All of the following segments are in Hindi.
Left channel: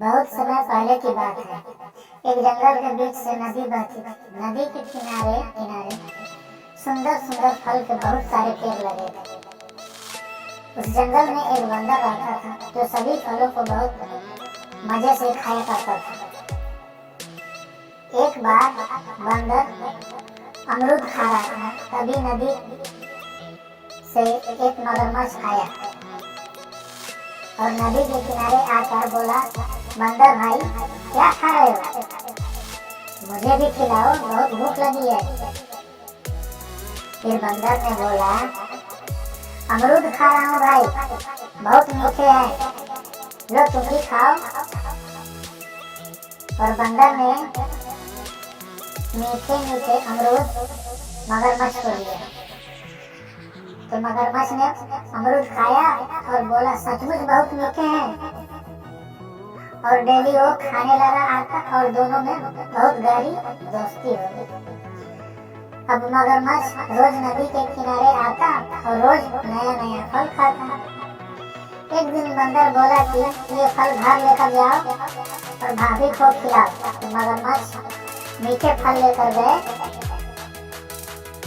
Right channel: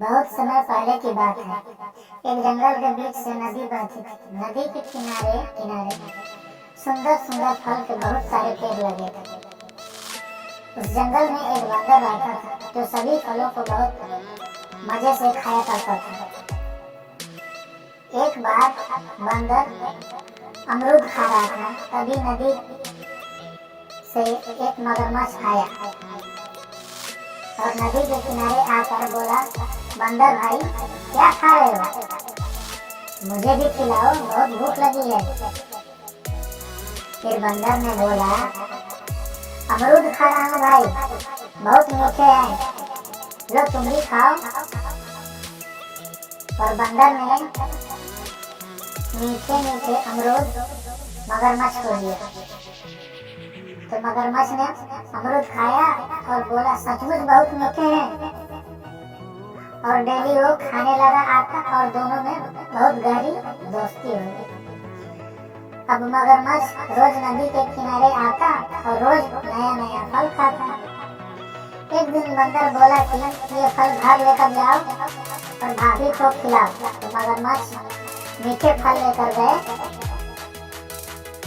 बहुत समय पहले की बात है। एक जंगल के बीच से नदी बहती थी। नदी के किनारे किनारे सुंदर सुंदर फल के बहुत सारे पेड़ लगे थे। उस जंगल में एक बंदर रहता था जो सभी फलों को बहुत मजे से खाया करता था। एक बार बंदर अमरूद खा रहा था, तभी नदी से एक मगरमच्छ आया और नदी के किनारे आकर बोला, बंदर भाई क्या खा रहे हो? मुझे भी खिलाओ, बहुत भूख लगी है। फिर बंदर ने बोला, अमरूद खा रहा हूँ भाई, बहुत मीठे हैं, लो तुम भी खाओ। और बंदर ने मीठे मीठे अमरूद मगरमच्छ को दिया। तो मगरमच्छ ने अमरूद खाया और बोला, सचमुच बहुत मीठे हैं। और डेली वो खाने लगा आता और दोनों में बहुत गहरी दोस्ती हो गई। अब मगरमच्छ रोज नदी के किनारे आता और रोज नया नया फल खाता। एक दिन बंदर बोला कि ये फल घर लेकर जाओ और भाभी को खिलाओ। तो मगरमच्छ मीठे फल लेकर गए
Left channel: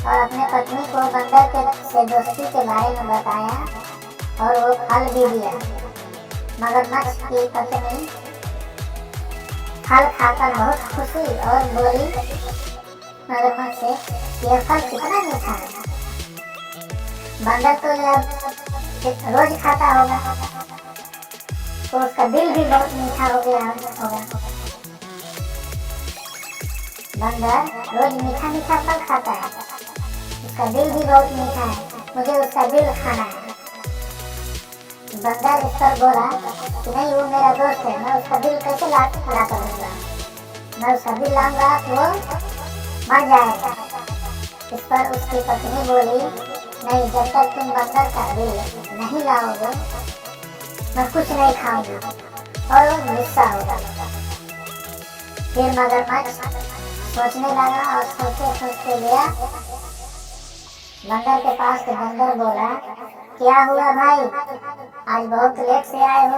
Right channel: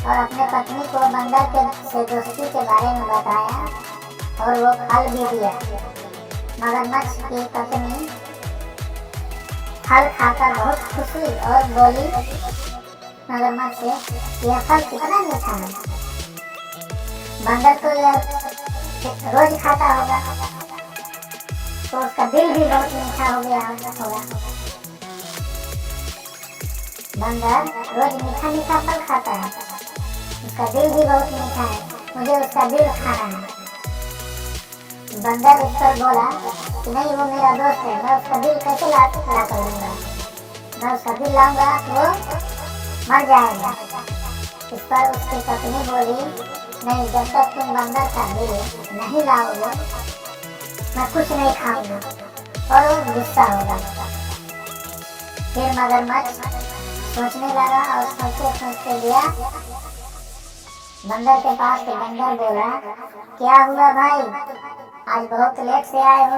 और अपने पत्नी को बंदर के से दोस्ती के बारे में बताया और वो फल भी दिया। मगरमच्छ की पत्नी फल खाकर बहुत खुशी और बोली मगरमच्छ से, यह फल कितना मीठा है। बंदर तो यह रोज खाता होगा, तो उसका दिल भी बहुत मीठा हो गया होगा। बंदर रोज मीठा मीठा फल खाता है, उसका दिल भी बहुत मीठा है, मुझे उसका दिल खाना है। बंदर इस पर बोला कि नहीं, वो मेरा दोस्त है, मैं उसका दिल कैसे ला कर दूंगा। मैं उसका दिल लाऊंगा तो वो मर जाएगा। इस पर उसकी पत्नी बोली, नहीं, जब तक तुम बंदर का दिल नहीं लाओगे मैं कुछ नहीं खाऊंगी। और वो गुस्सा होगा। फिर मगरमच्छ सोचने लगा और सोचते सोचते गया बंदर के पास। तो बंदर बोला, क्या हुआ भाई, आज बहुत लेट से आए हो,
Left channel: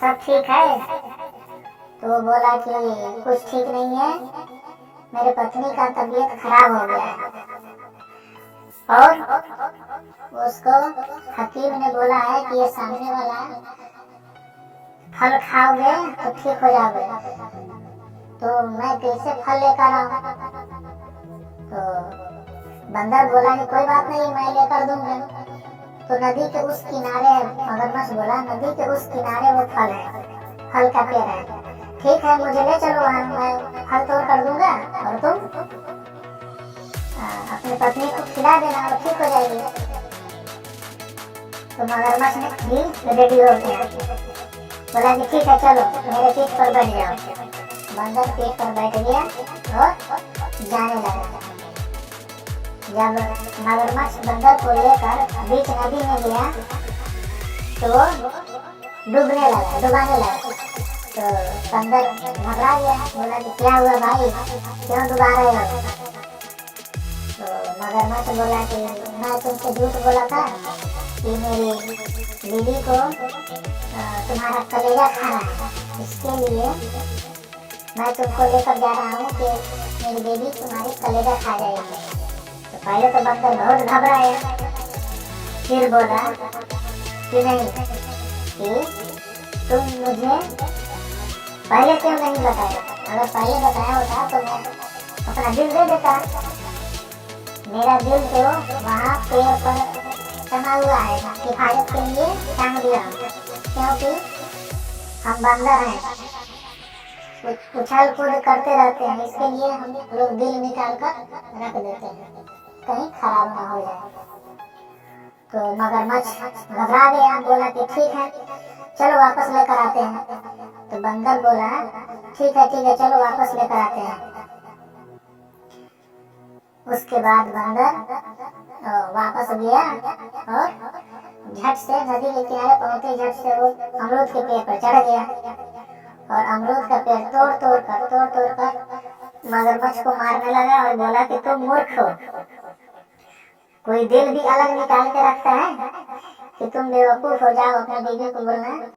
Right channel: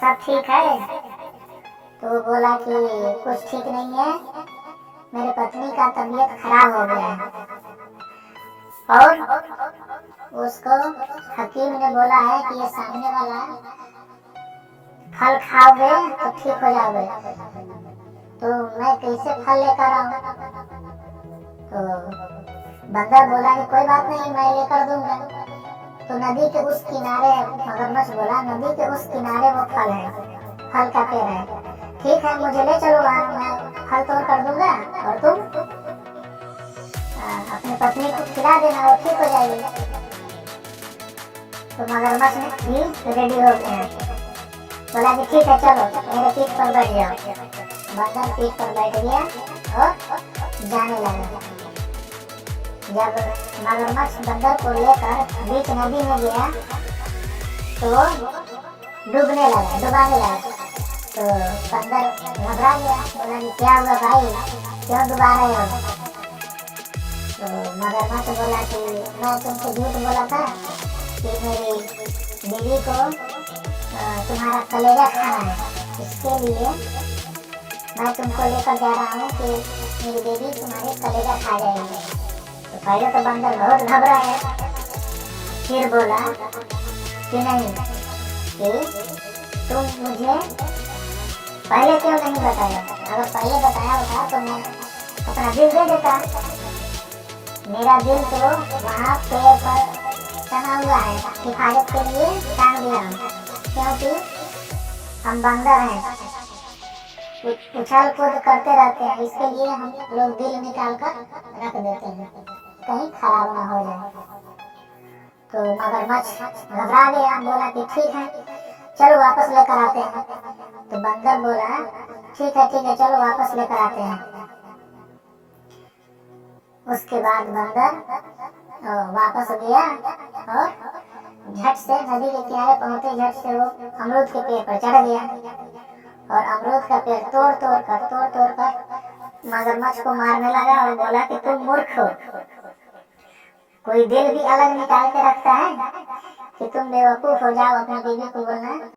सब ठीक है? तो वो बोला कि कुछ ठीक नहीं है, मेरे पत्नी का तबीयत खराब हो गया है और उसको हकीम ने बोला है कि ये सामने वाला फल खाओगे तो ठीक हो जाओगे। तो मैं कैसे फल लेकर आऊं? तो बंदर बोला कि कोई बात नहीं, मैं लेकर दूंगा। तो नदी के उस किनारे है, मगरमच्छ बोला, नदी के उस किनारे वो फल है, फल का पेड़ है। ठीक है, मुझे ले चलो वहाँ, मैं फल तोड़ कर दूंगा और तुम अपनी पत्नी को खिला देना, वो ठीक हो जाएगी। तो मगरमच्छ ने भी रेडी हो गया, बोला कि ठीक है, चलो मेरे पीठ पर बैठ जाओ। बंदर पीठ पर बैठ गया और जाने लगा। जब मगरमच्छ बंदर को लेकर बीच नदी में गया तो डूबाने लगा। तो बंदर घबरा गया, बोला कि क्या हुआ भाई, क्यों डुबा रहे हो? तो मगरमच्छ बोला कि मैं तुमसे झूठ बोला था कि मेरी बीवी को तुम्हारा कलेजा खाना है, इसके लिए मैं तुमको लेकर जा रहा हूँ कि मेरी बेबी तुम्हारी कलेजा खा जाएगी। तो पहले तो बंदर बहुत घबराया, फिर बोला कि नहीं, कि तुम मुझे पहले क्यों नहीं बताया? अगर पहले बताया होता तो मैं अपना दिल दे देता। मेरा दिल तो वहाँ पेड़ पर टंगा हुआ है, हिफाजत के लिए टांग दिया हूँ, क्योंकि हम बंदर हैं, उछल कूद करते रहते हैं, इसके लिए हम लोग दिल निकाल कर रख देते हैं, कहीं खराब ना हो जाए। तो मगरमच्छ घबरा गया, बोला कि ठीक है, चलो वापस लेकर आते हैं। तो बंदर बोला, ठीक है, चलो वापस लेकर आते हैं। उसके बाद बंदर वापस गया और झट से नदी के किनारे पहुंचे, झट से वो अमरूद के पेड़ पर चढ़ गया और अमरूद का पेड़ तोड़ तोड़ कर मगरमच्छ को मारने लगा और बोला कि तुम मूर्ख हो, कोई दिल भी अलग निकाल के रखता है कि तुम बेवकूफ हो जाओ अपनी बीवी को बोलना